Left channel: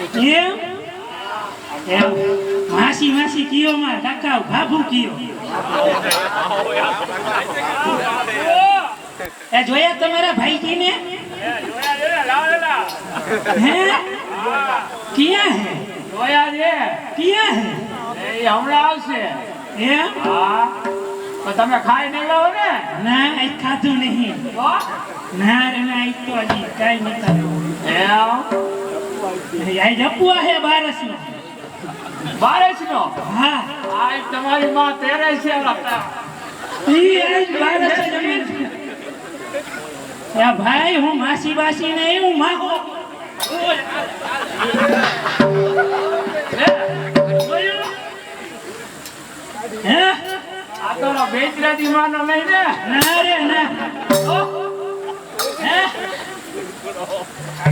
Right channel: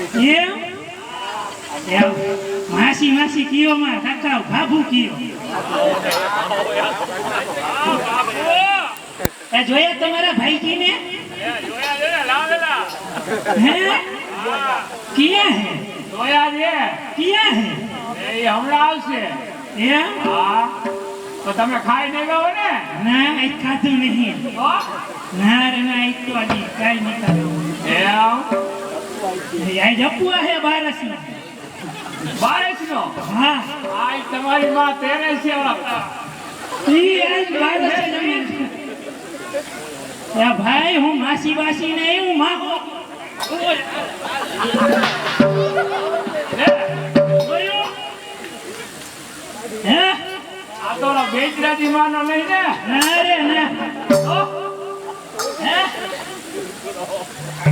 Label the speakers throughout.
Speaker 1: એમ એમ? માસી માસી કિયો માં કાકા ભાભુ કિયો? એ જોયા તમારા ભાઈ કીને હે? ક્યાં હે?
Speaker 2: જોયા છે
Speaker 1: ક્યાં હે?
Speaker 2: એ હમણાં આવશે
Speaker 1: એમ?
Speaker 2: હા તો તમે ખાઈ નહીં લાવો ને
Speaker 1: ના એ ખાધું નહીં? ના રે ના તો હજી કાઈ નથી
Speaker 2: એમ?
Speaker 1: આજ અપવા હે બારસનો.
Speaker 2: બારસનો?
Speaker 1: હા.
Speaker 2: આજ તમારી માં તેરે છે
Speaker 1: ઈ આજ બારસ જમીન. એ ભાઈ હું માસી બાસી ને હું? માં હો? હે
Speaker 2: આ તો બેચરાજી માનો નહીં ને?
Speaker 1: ના રે ના. હે?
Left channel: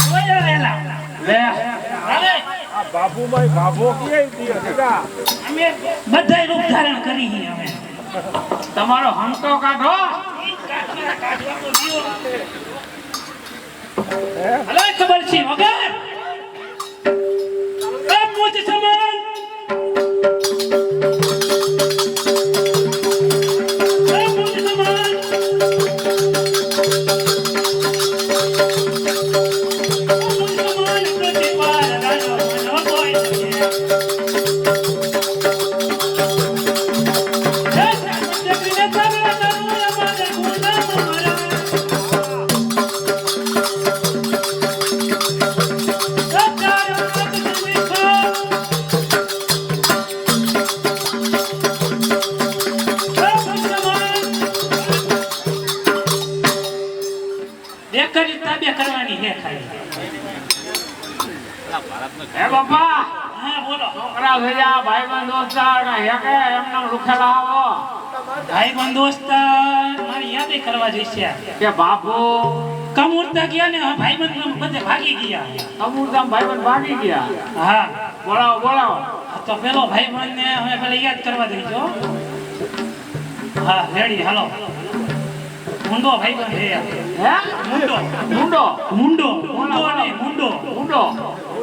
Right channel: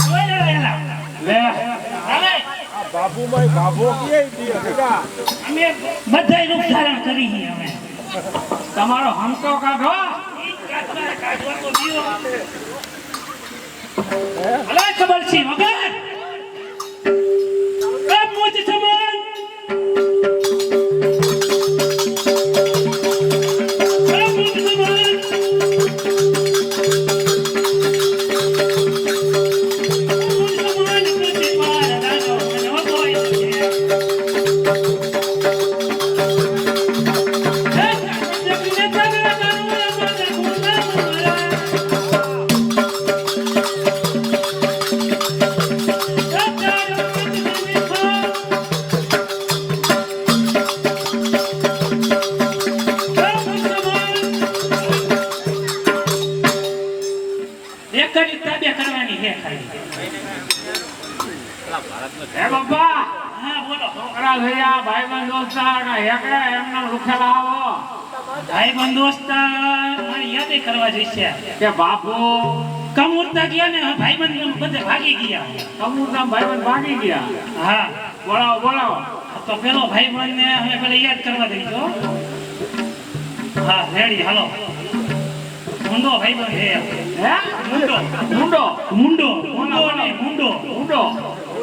Speaker 1: કોઈ વેલા
Speaker 2: લે.
Speaker 3: બાબો
Speaker 1: અમે બધાય રૂપ ધારણ કરી હી અમે.
Speaker 2: તમારો હંતો કાઢો.
Speaker 1: હલો ખબર છે મગર એ મુજ સમાન હે
Speaker 2: બાપા! છોકરા થયા ભાઈ બંધ દોસ્તાર ને હેકે એમને રૂખેલા આવો. કે બાપુ
Speaker 1: ભાગી ગયા
Speaker 2: અમૃતમ ભાઈ બંધ ભાગી ગયા.
Speaker 1: હા.
Speaker 2: બોલાવો બોલાવો.
Speaker 1: તો પેલો ભાઈ બંધ ને હવે પેલા યાદ કરવા દઈજો હા. રેડી હાલો. મુંડો ભાઈ બંધ હે?
Speaker 2: હે
Speaker 1: મુંડો?
Speaker 2: મુંડો
Speaker 1: મુંડો મુંડો નહીં મુંડો.
Speaker 2: મુંડો.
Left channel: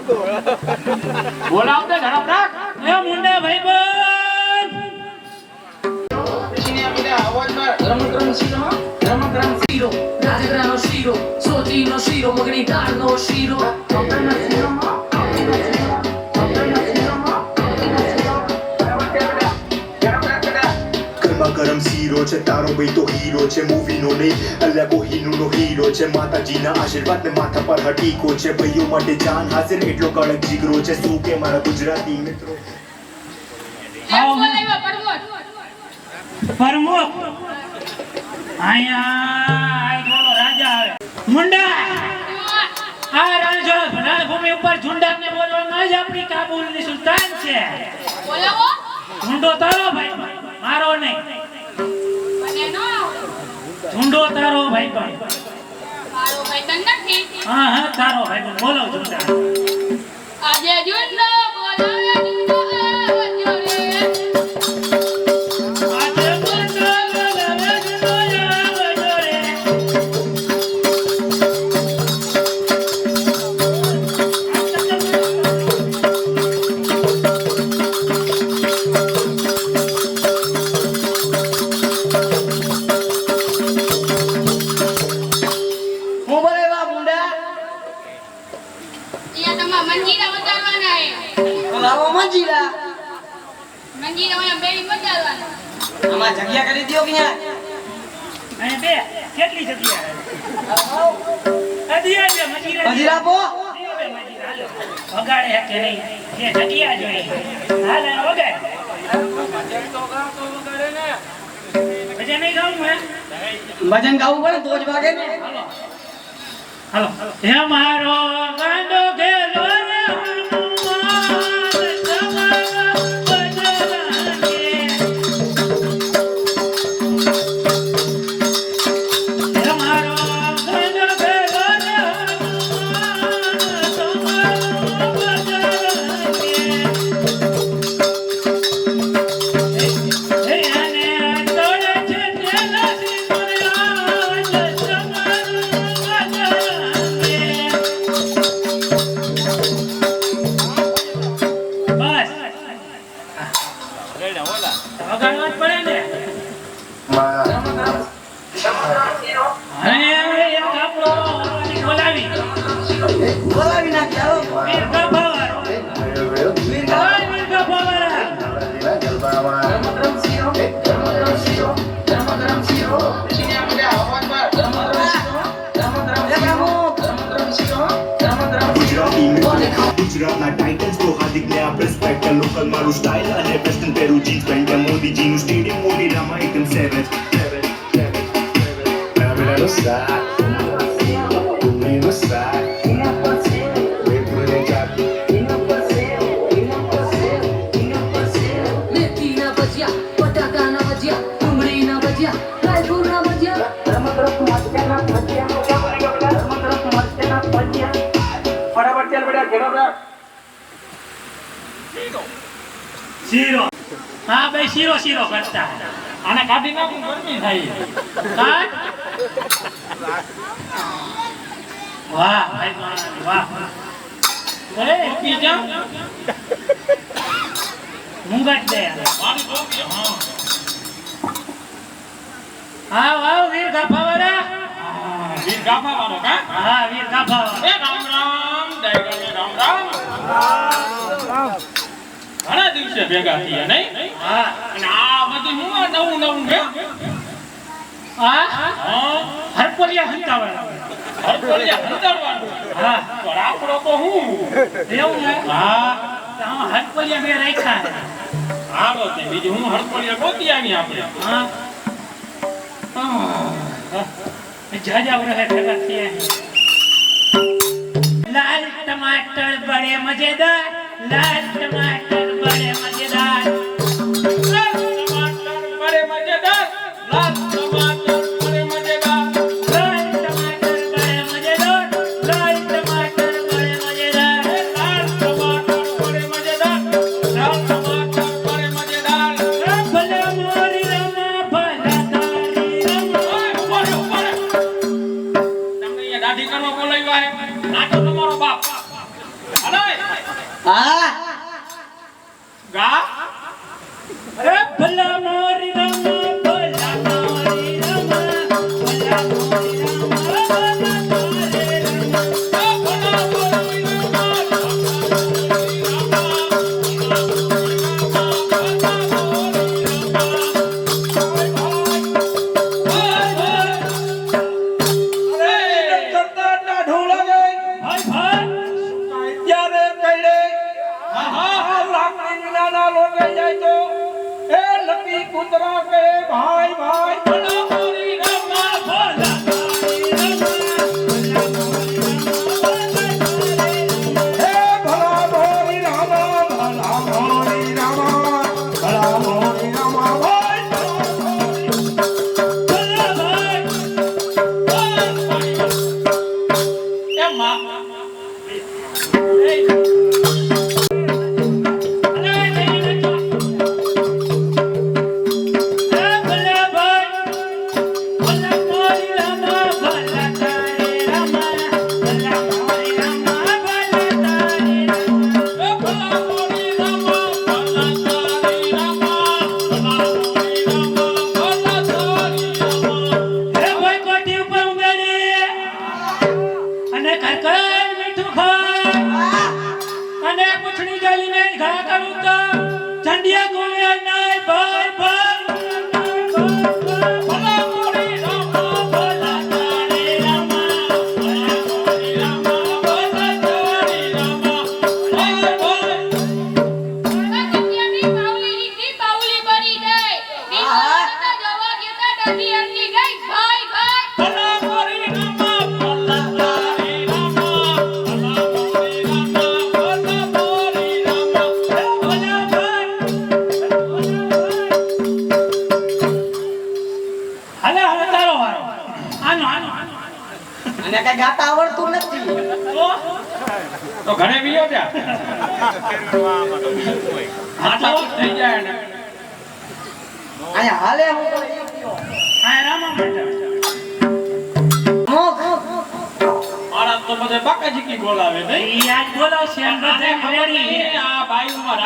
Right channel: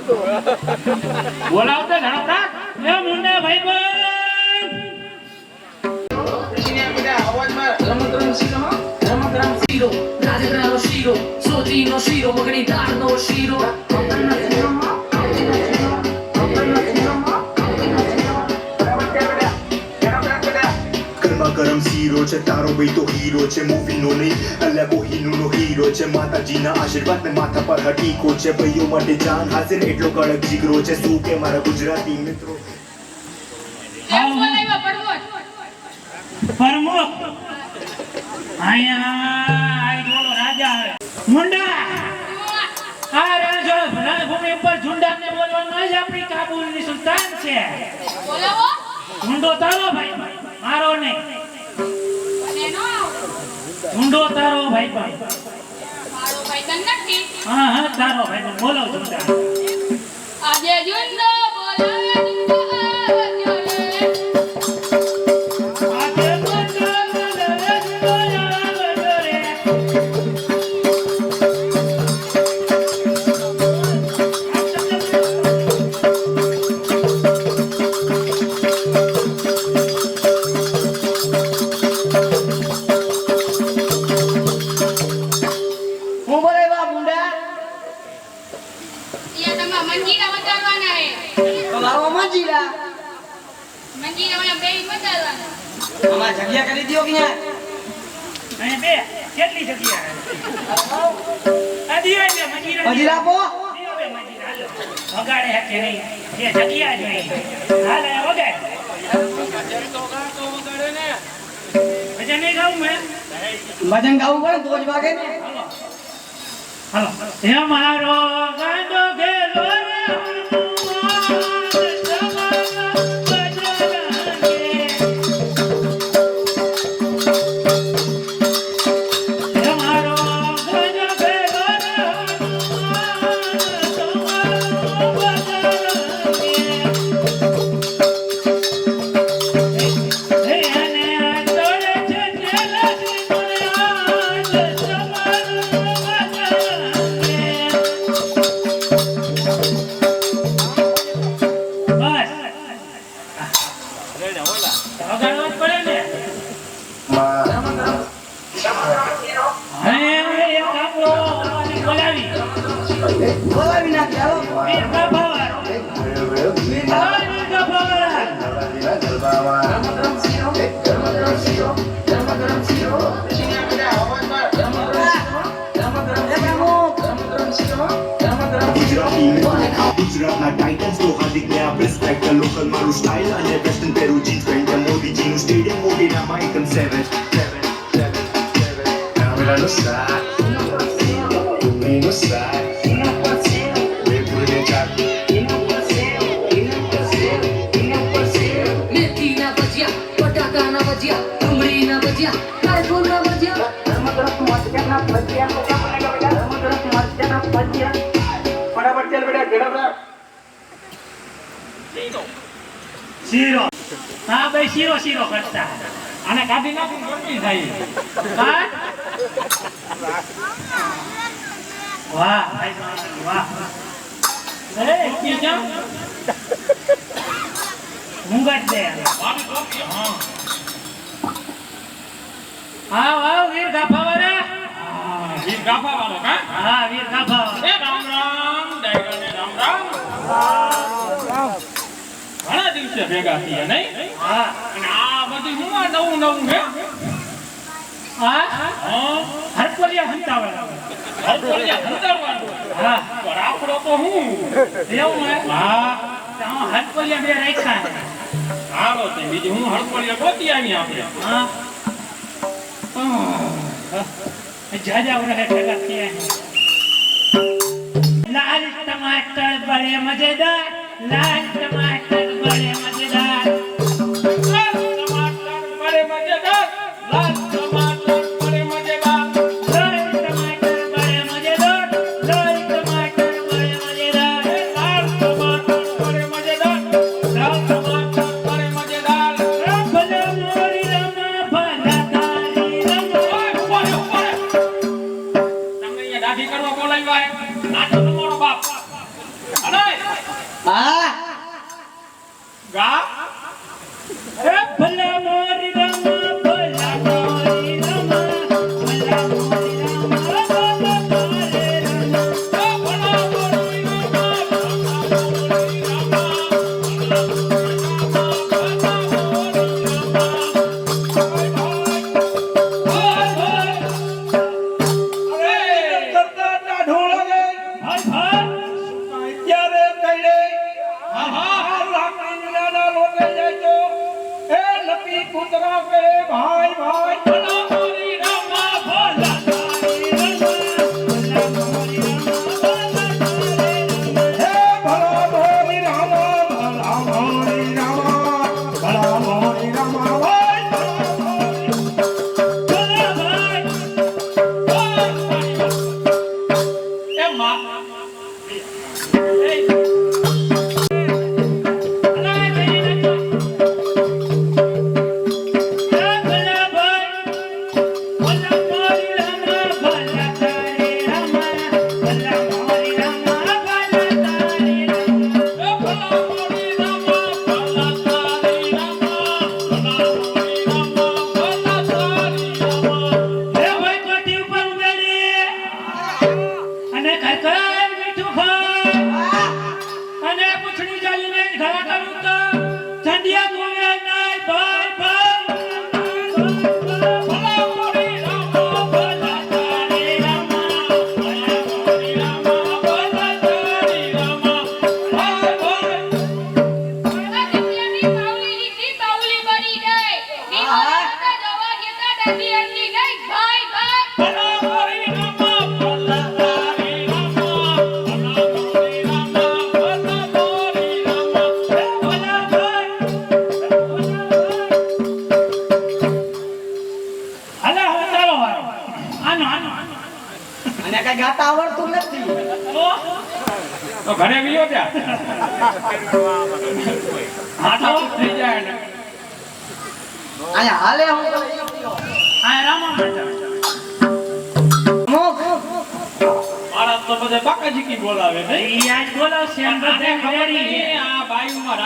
Speaker 2: બોલાવતો ઝડપ રાખ
Speaker 1: એ મુંડા ભાઈ બંધ
Speaker 4: રાજગરાનો શીરો સોચીનો શીરો. મગની દાળનો શીરો.
Speaker 5: ગરમા શીરો છે તારો ભાઈ તો હીરો છે મૂવી નો નહીં અલ્યા કોહિનૂર નો હીરો છે માતાજીના આશીર્વાદ ને માથા પર હટીકો છે ભાઈઓ માટે જાન હાજર એટલો કડક જીગરો છે શું કે મારા ગુજરાતી મિત્રો?
Speaker 1: પરમોત અહીંયા રાજા આવે. મુંડા! આ રણજો રણભૂમિ ઉપર ઝુંડાને બોલવાનો જ આપણી કાબુલની સુલતાન છે. ઝુંડો તારો ભાઈ મારો નહીં. ઝુંડો તારો ભાઈ પણ. હા હા તારો ભાઈ પણ. બોલો
Speaker 6: આજે
Speaker 7: તો લાવો મંજીરા.
Speaker 6: મંજીરા અહીંયા બેય વગાડવાના
Speaker 7: અમાર જગ્યા કરી દો કે
Speaker 1: અહીંયા બે. કેટલી જગ્યા? આ બે મજીરા
Speaker 7: મંજીરા પો
Speaker 1: બે મજીરા. હાલો. વગાડે હે કે નહીં. બે જગ્યા જોઈએ હાલે આ વગાડ. ભજન નહીં ગાવું મેં
Speaker 7: ભજન ગાવું પડે તો જ વાગે ને.
Speaker 1: હાલો. હે મારો ગાંડો ઘેરો
Speaker 5: તો હાર્દિકને આ રિસ્પેક્ટ લોકલ મારું સ્ટાઇલ અને વેસ્ટર્ન પહેરું જીન્સ પેન્ટ મોદીજીનું સ્ટેડિયમ મોટીનામાં એકદમ સેવેજ
Speaker 1: શીરો. હા ભાઈ શીરો શીરો કરતા.
Speaker 2: આને કાઢી નાખું ગરમી થાય.
Speaker 1: વાહ ભાઈ વાહ
Speaker 2: એ ઈ કેમ?
Speaker 1: મુંગટ દે
Speaker 2: હા.
Speaker 1: હા વાહ વીર ગાફાવાળા
Speaker 2: હા, વાળો કા?
Speaker 1: વીર
Speaker 2: એ રામ રામ. રામ રામ. ઘણા દિવસે ભેગા થયા નહીં?
Speaker 1: હા.
Speaker 2: અને આ બધી હું આ નવું નવું હે
Speaker 1: હા?
Speaker 2: હા?
Speaker 1: હરપોલિયા હંતાવાળા
Speaker 2: હરખોલિયા હંતાડવાનું
Speaker 1: હા.
Speaker 2: પણ આપણો તો હું?
Speaker 1: એવું હે.
Speaker 2: હા
Speaker 1: આમાં હરપોલિયા બે રાખ્યા.
Speaker 2: હારો તે બીજું હું હરખોલિયા ગોતી આવી આપણે.
Speaker 1: હા. જાજા વરહે ભેગા થયા લાલ ટમાટર બડે મજેદાર લાલ ટમાટર
Speaker 2: હા
Speaker 1: ભાઈ ભાઈ. ભલા મોરી રમા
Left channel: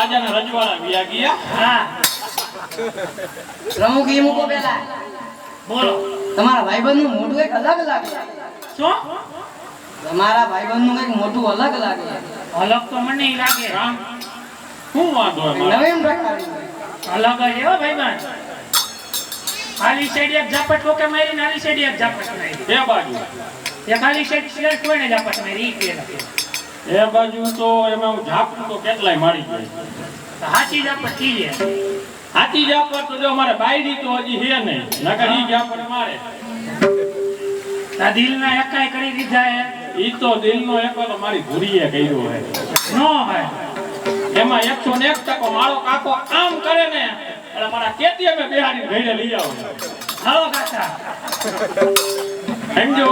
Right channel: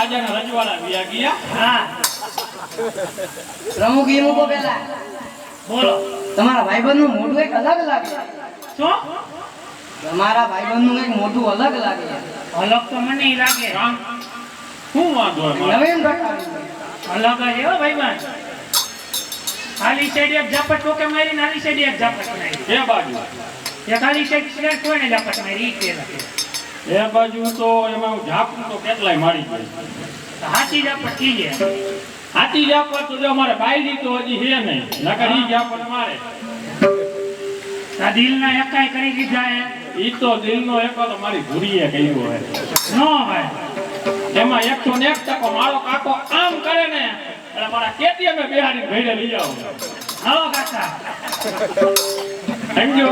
Speaker 2: રાજાના રજવાડા વિયા ગયા.
Speaker 1: હા.
Speaker 7: પ્રમુખ એ મૂકો પેલા
Speaker 1: બોલો.
Speaker 7: તમારા ભાઈબંધનું મોઢું એક અલગ લાગે.
Speaker 1: શું?
Speaker 7: તમારા ભાઈબંધનું એક મોઢું અલગ લાગે.
Speaker 1: અલગ તો મને ઈ લાગે.
Speaker 2: શું વાંધો
Speaker 7: નવીન
Speaker 1: અલગ જ હો ભાઈબંધ. ખાલી સાઈડ એક ઝાપટ કોકે મારી નાલી આલી સાઈડ એક ઝાપટ મારી.
Speaker 2: બે બાજુ.
Speaker 1: એક ખાલી સાઈડ સિવાય કોઈને ઝાપટ મારી ઈ કે
Speaker 2: બે બાજુ તો એમાં ઝાપું તો કેટલાય મારી જાય
Speaker 1: હાચી ઝાપટ ઈ જાય.
Speaker 2: હાથી ઝાપટ તો જો મારે બાયડી તો હજી હે નહીં. નકર ઈ ઝાપટ મારે.
Speaker 1: આ દિલના એકાય કરી દીધા હે.
Speaker 2: ઈ તો દિલનો એકો તો મારી ધુરીએ કર્યો હે.
Speaker 1: નો હે
Speaker 2: એમાં એકસો ને એક ટકો મારો કાકો આમ કરે ને એટલે મારા કેતી અમે બિહારી ભેડે લઈ આવું.
Speaker 1: હાલો કાકા.
Speaker 2: સમજો?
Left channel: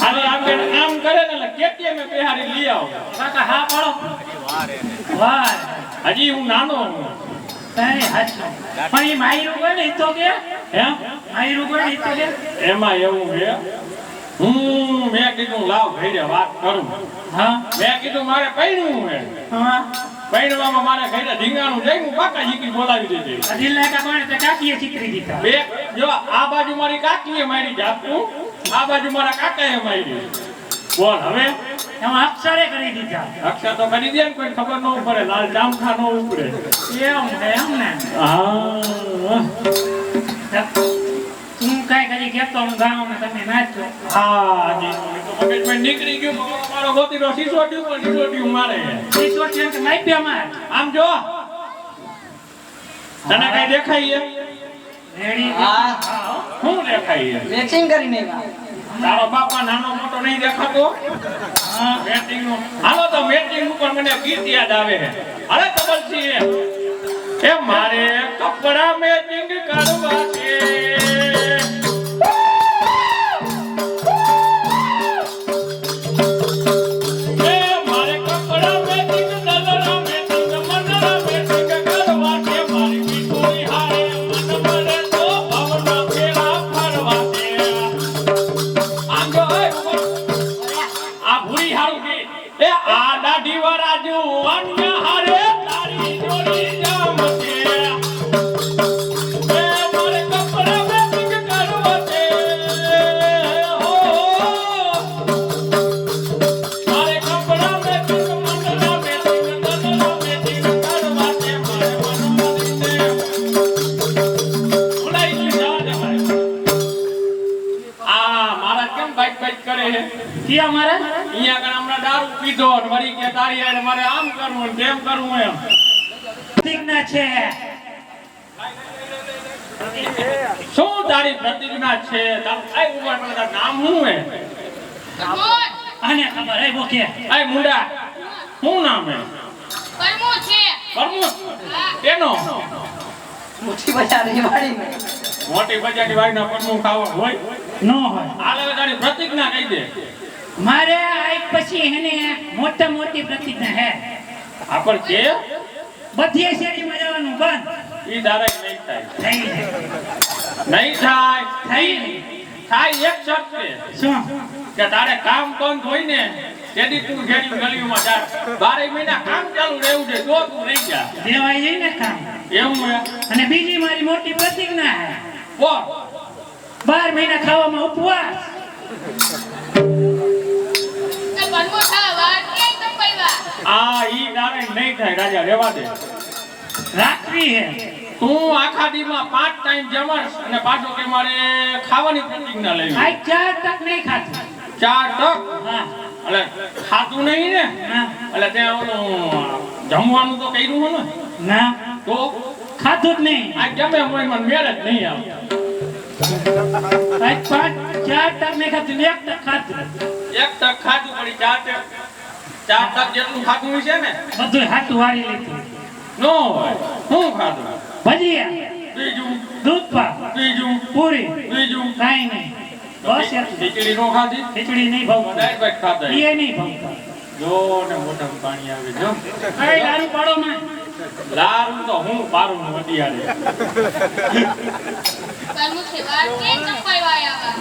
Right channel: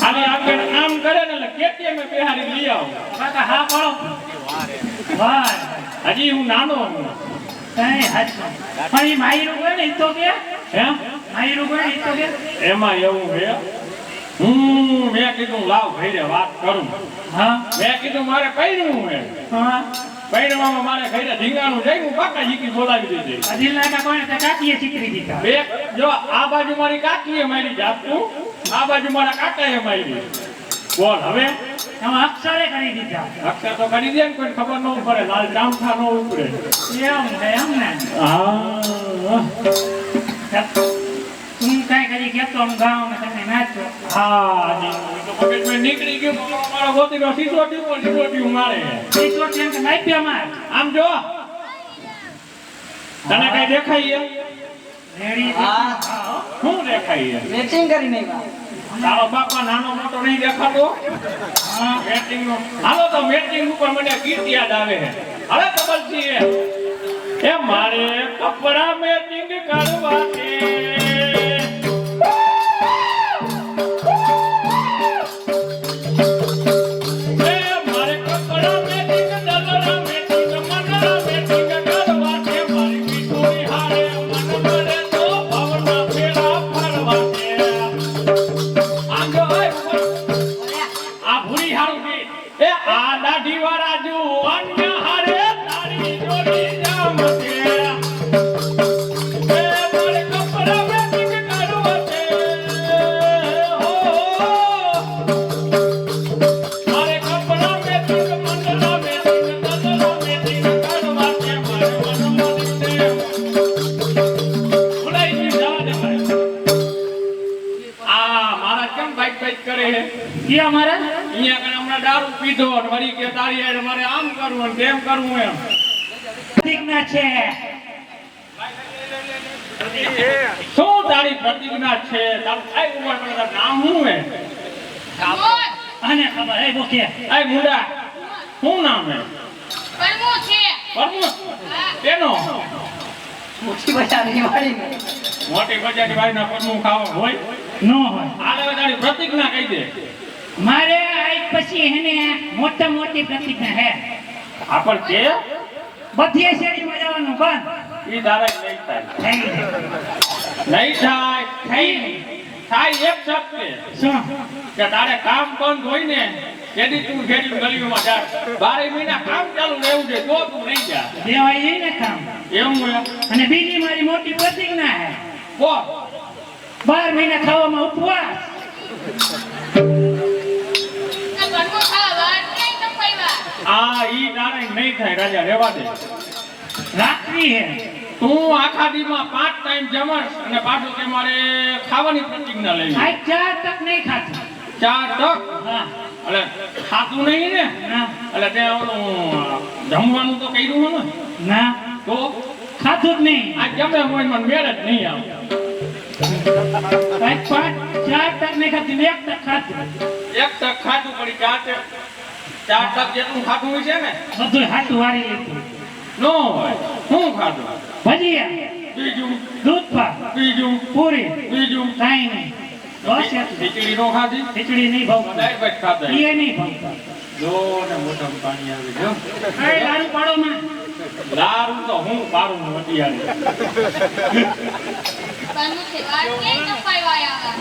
Speaker 2: ખાલી કે આમ કરે ને એટલે કેટીએમ એ બિહારી લઈ આવો.
Speaker 1: કાકા હા પાડો. વાહ.
Speaker 2: હજી હું નાનો હું
Speaker 1: તને હાચો પણ ઈ માયરું કોઈ ને તો કે
Speaker 2: હે
Speaker 1: માયરું કોઈ ને તો કે?
Speaker 2: એમાં એવું છે હું મેં કીધું લાવ ભેડે વાત કરું.
Speaker 1: હા?
Speaker 2: મેં કીધું મારે પૈણું હે
Speaker 1: હા.
Speaker 2: પૈણવામાં મારે ઘરે ઢીંગાનું જઈ હું પાકા જીકી બોલાવી દીધી.
Speaker 1: કોણે કોઈને તો કાકીએ ચીકરી દીધા.
Speaker 2: બે જો આ બાજુ મારી કાકીએ મારી જાપતું આ બાજુ મારા કાકાએ મારી બોલ હવે?
Speaker 1: એમાં અક્ષરે કરી દીધા.
Speaker 2: અક્ષર તો કરી દે કોઈ ખબર ન પડે લાલ જામઠા ન ઉપડે
Speaker 1: એમ ને એમ ને.
Speaker 2: હા. મારો ગોતીનો સિસોટ્યું સિસોટ્યું મારે દેખાય
Speaker 7: મેચિંગ
Speaker 2: નાનો મોટો નહીં દેખાતો. હા મેટિંગ નો તો મેટિંગ ઉપર મને ગીત યાદ આવે અરે અરે છે એ મારે કપડા મેટિંગ કરવા છે.
Speaker 1: ક્યાં મારા
Speaker 2: અહીંયા આગળ હમણાં દારૂ પીધો ને વળી કે તારી આડે મારે આમ કરવું ને તેમ કરવું એમ.
Speaker 1: પ્રતિજ્ઞા છે.
Speaker 2: શું તારી પ્રતિજ્ઞા છે? તારું કઈ ઉંમર પર નામ શું હે?
Speaker 1: આને ખબર હે બોકે
Speaker 2: મુંડા. શું નામ હે?
Speaker 6: પરમો છે.
Speaker 2: પરમુખ
Speaker 6: હા.
Speaker 2: કેનો?
Speaker 7: મોટી બજારની વાળીને
Speaker 2: મોટી બજારની વાડીના ખાવા હોય?
Speaker 1: નો હોય.
Speaker 2: હાલે તારી પ્રતિજ્ઞા કહી દે.
Speaker 1: મારે આજ પછી એને મોટા મોટી પ્રતિજ્ઞા હે.
Speaker 2: આપણ કે?
Speaker 1: બધી શેરીમાં જવાનું બંધ.
Speaker 2: ઈ તારે નહીં થાય. નહીં. થાય.
Speaker 1: થઈ
Speaker 2: થાય એક શર્ત છે
Speaker 1: શું?
Speaker 2: કે તારે કામ બંધ હોય ને જેથી તું જેની ગલીઓમાં જા બારે મહિના કામ ચાલુ રહેવું છે તો તું રહી જા.
Speaker 1: દેવાય નહીં ને કામ.
Speaker 2: એવું
Speaker 1: અને બીજી મારી મોટી પ્રતિજ્ઞા હે.
Speaker 2: કો?
Speaker 1: બાર મહિના ખાવામાં ઉપવાસ.
Speaker 2: આ ઈ તારે નહીં થાય રાજા રહેવા દે.
Speaker 1: રાત્રી હે.
Speaker 2: તું આખા દીમાં પાંચ ટાઈમ જમસ અને પાછો કે મારે ખાવાની પ્રતિજ્ઞા લેવી.
Speaker 1: આજ ચાર તક નહીં ખાતું.
Speaker 2: ચાર તક?
Speaker 1: હા.
Speaker 2: એટલે ખાતું નહીં ને? એટલે ત્યાં ઓલું જમવાનું તો કર્યું ને
Speaker 1: ના.
Speaker 2: તો?
Speaker 1: ખાતું જ નહીં.
Speaker 2: આ જમે હોય મને મેળ જ નહીં આવે.
Speaker 1: આજ પાંચ ચાર તક નહીં ખાતું એક તક ખાતું
Speaker 2: એક તક ખાધું પડી ચાર તક ચાર તક જેટલું ખાધું હોય છે ને
Speaker 1: બધું હાથું વારી લીધું.
Speaker 2: નો હું ખાધું?
Speaker 1: ભજીયા
Speaker 2: બીજું?
Speaker 1: દૂધ પાક
Speaker 2: બીજું?
Speaker 1: પૂરી
Speaker 2: બીજું?
Speaker 1: કાંઈ નહીં. બસ
Speaker 2: ખીચડી નો ખાધી?
Speaker 1: ખીચડી નહીં
Speaker 2: ખાધા.
Speaker 1: એ નહીં ભાવતું.
Speaker 2: જો ને પાણી આવી
Speaker 1: દારૂ પાડો માં
Speaker 2: દારૂ તો હું પારું નથી આવે.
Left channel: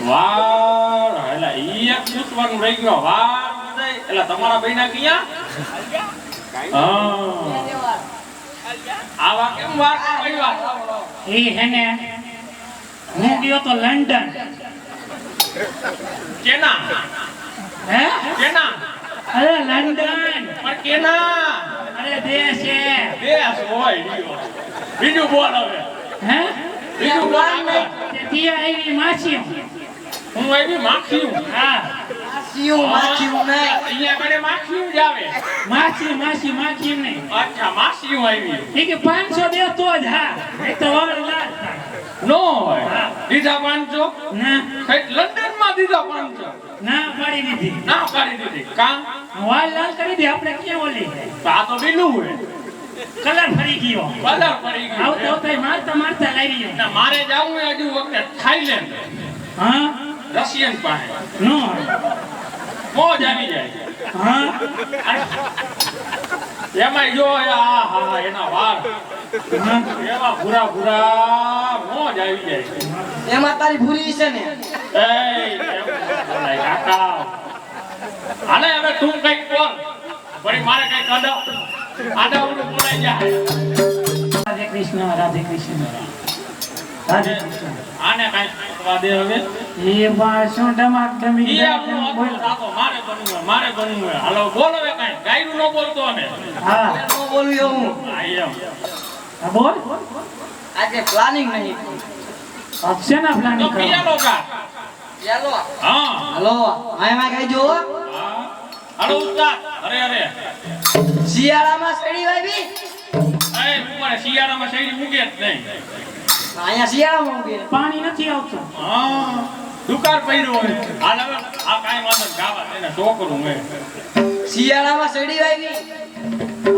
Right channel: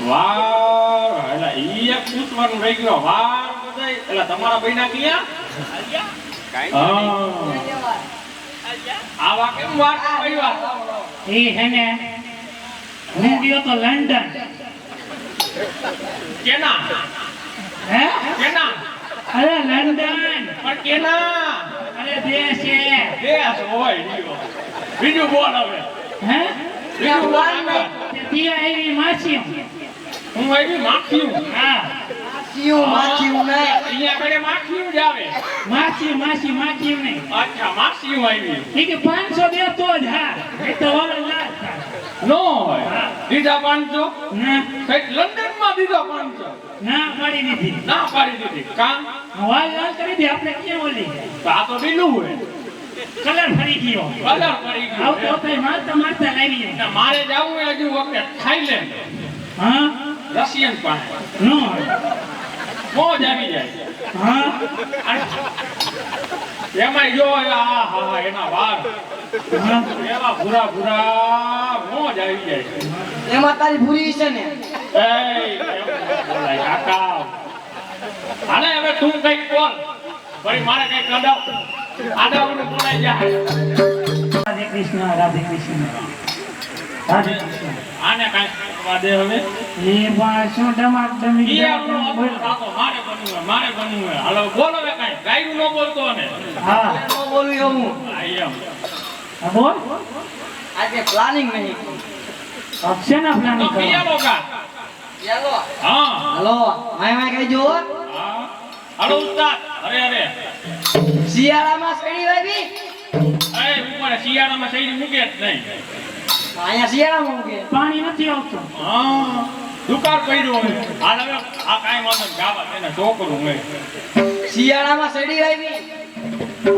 Speaker 2: વાર એટલે ઈ એક પૂછવાનું રહી ગયો. વાર બધાય. એટલે તમારા ભાઈના ક્યાં? આવા કેમ
Speaker 1: એ હે ને હું ગયો તો લંડન.
Speaker 2: કેના?
Speaker 1: હે?
Speaker 2: કેના?
Speaker 1: અરે લંડન.
Speaker 2: પણ કેના?
Speaker 1: અરે દેશ છે
Speaker 2: દેશ હોય. બીજું બોલ હવે.
Speaker 1: હે?
Speaker 2: બીજું બોલ આગળ.
Speaker 1: તે ત્યાં આવી માછી
Speaker 2: હું આવી માખ્યું
Speaker 1: હા.
Speaker 7: માખીયું માખીયું નહીં
Speaker 2: અહીંયા આગળ માખ્યું જ આવે.
Speaker 1: માછી માછી માછી નહીં
Speaker 2: અચ્છા માખ્યું આવી.
Speaker 1: કે પાંચસો દે તો જ હા. તો વાળ લાજ થાય.
Speaker 2: નો હોય. દીધા પાંચસો?
Speaker 1: ના.
Speaker 2: કંઈક લંડનમાં દીધા પાંચસો?
Speaker 1: ના પાડી દીધી.
Speaker 2: ના પાડી દીધી. કામ
Speaker 1: વાળ લાલ કરી દે આપણે ક્યાં ઓલી?
Speaker 2: આ તો બીલું હોય.
Speaker 1: કલર ફરી ગયો.
Speaker 2: કલર ફરી ગયો.
Speaker 1: આવતો તો મારતા મારતા લાવી
Speaker 2: ને મારે જાવું હોય હજુ વખત થાઈલેન્ડ.
Speaker 1: હા?
Speaker 2: રશિયન પાસે
Speaker 1: નો.
Speaker 2: મોજ આવી જાય.
Speaker 1: હા?
Speaker 2: એમાં જો આ હા એના વાળ એવા ભૂરા ભૂરા મોજ આવી જાય.
Speaker 7: એમાં તારી ભૂરી છે ને?
Speaker 2: એ બોલાય કાકા. અને હવે તું કંઈક બોલ વળી મારે કંઈક બોલાઈ જાય
Speaker 1: રાધે કૃષ્ણ રાધે કૃષ્ણ. રાધે કૃષ્ણ.
Speaker 2: આને કંઈક કરવા દે હવે.
Speaker 1: એ શું ડમાક ડમી
Speaker 2: હતું કાકો, મારે બનવું હોય, મારે બનવું. હાલો બોલો હવે કાંઈ. ગાયરું ન બોલતો ને
Speaker 1: હા.
Speaker 7: ન બોલવું એવું
Speaker 2: હા, એમ.
Speaker 1: હા બોલ.
Speaker 7: આજે પ્લાનિંગ નહીં.
Speaker 1: અક્ષયના
Speaker 2: તો
Speaker 1: પ્લાનિંગ કરો
Speaker 2: પિયાનો ગા.
Speaker 7: ચાલો
Speaker 2: હા.
Speaker 7: હલો. આય કઈ કહેજો
Speaker 2: હા. હાલો ઉસ્તાદ. અરે અરે.
Speaker 7: શિયાળામાં સડી વાવી
Speaker 2: અરે ઉપર શિયાળામાં શેરડી મૂકે જ નહીં.
Speaker 7: અહીંયા શિયાળામાં ઉગે
Speaker 1: પાણી નથી આવતું.
Speaker 2: હા દુકાળ પડ્યો હોય. હાલ હવે આ કાંઈ વાંધો. ગાવા એને છોકરું મેં
Speaker 7: શિયાળામાં સડી વાવી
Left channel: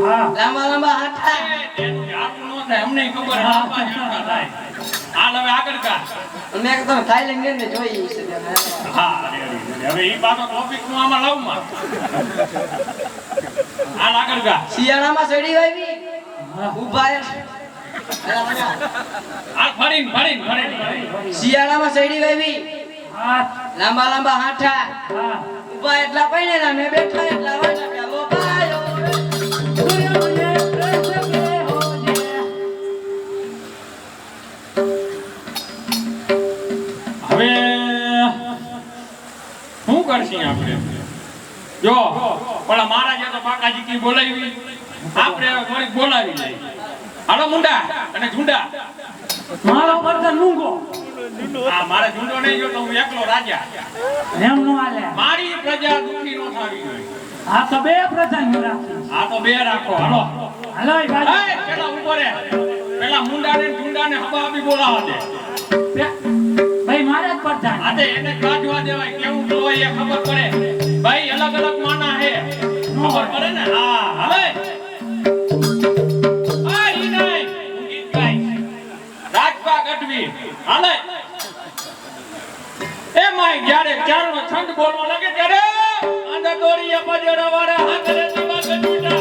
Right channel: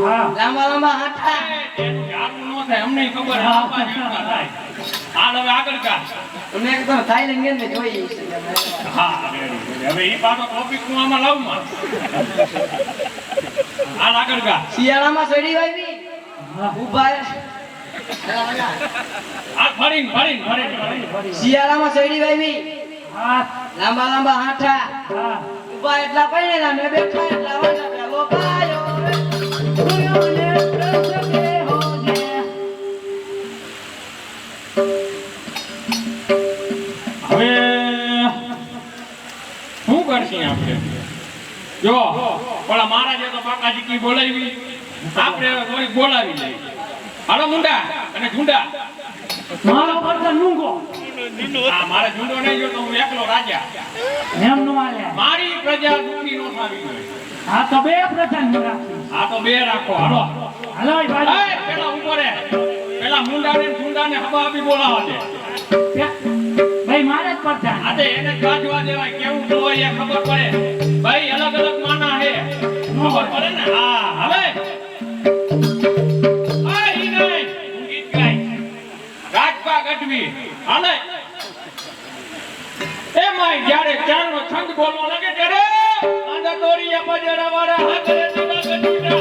Speaker 1: હા.
Speaker 7: લાંબા લાંબા હાથા
Speaker 2: આપણું ન થાય અમને ખબર થાય. હાલ હવે આગળ કા.
Speaker 7: મેં કીધું થાઈલેન્ડ જોઈ
Speaker 2: હા. હવે એ પાછો ટોપિકનું આમાં લાવમાં કા
Speaker 7: શિયાળામાં સડી વાવી
Speaker 1: હા.
Speaker 7: ઊભા રહે.
Speaker 2: હાલ ફરીને ફરીને
Speaker 7: શિયાળામાં સડી વાવી
Speaker 1: હા
Speaker 7: લાંબા લાંબા હાથા
Speaker 1: હા
Speaker 7: ઊભા એટલા ને બેઠા એટલા લોકાયો.
Speaker 2: મારા જે તો બાકાજી કી બોલાવી. આપણે બોલાવી લઈ હાલો મુંડા અને ઝુંડા.
Speaker 1: મારો કરતા નુંગો
Speaker 2: હા મારે ઝુંડો નહીં જો તો હું એકલો રાજા.
Speaker 1: એમ નો આલે
Speaker 2: મારી પ્રજા દુખી નો થાવી જોઈએ.
Speaker 1: આ તો બે પ્રધાન રાખી
Speaker 2: આ તો બે રાખો હાલો.
Speaker 1: હાલો એ બાજુ.
Speaker 2: પેલા ઉપર. પેલા મુંડા ને ઝુંડાને હવા આપી બોલાવા દે.
Speaker 1: ભાઈ મારે જ પ્રજા
Speaker 2: આજે એને ગાજવા દેવાય કેવું બોલાય એ ખબર પડે. છંદ બોલવા લાગે ત્યારે આંધા દોરીએ જરા વાળા ગઢવીના.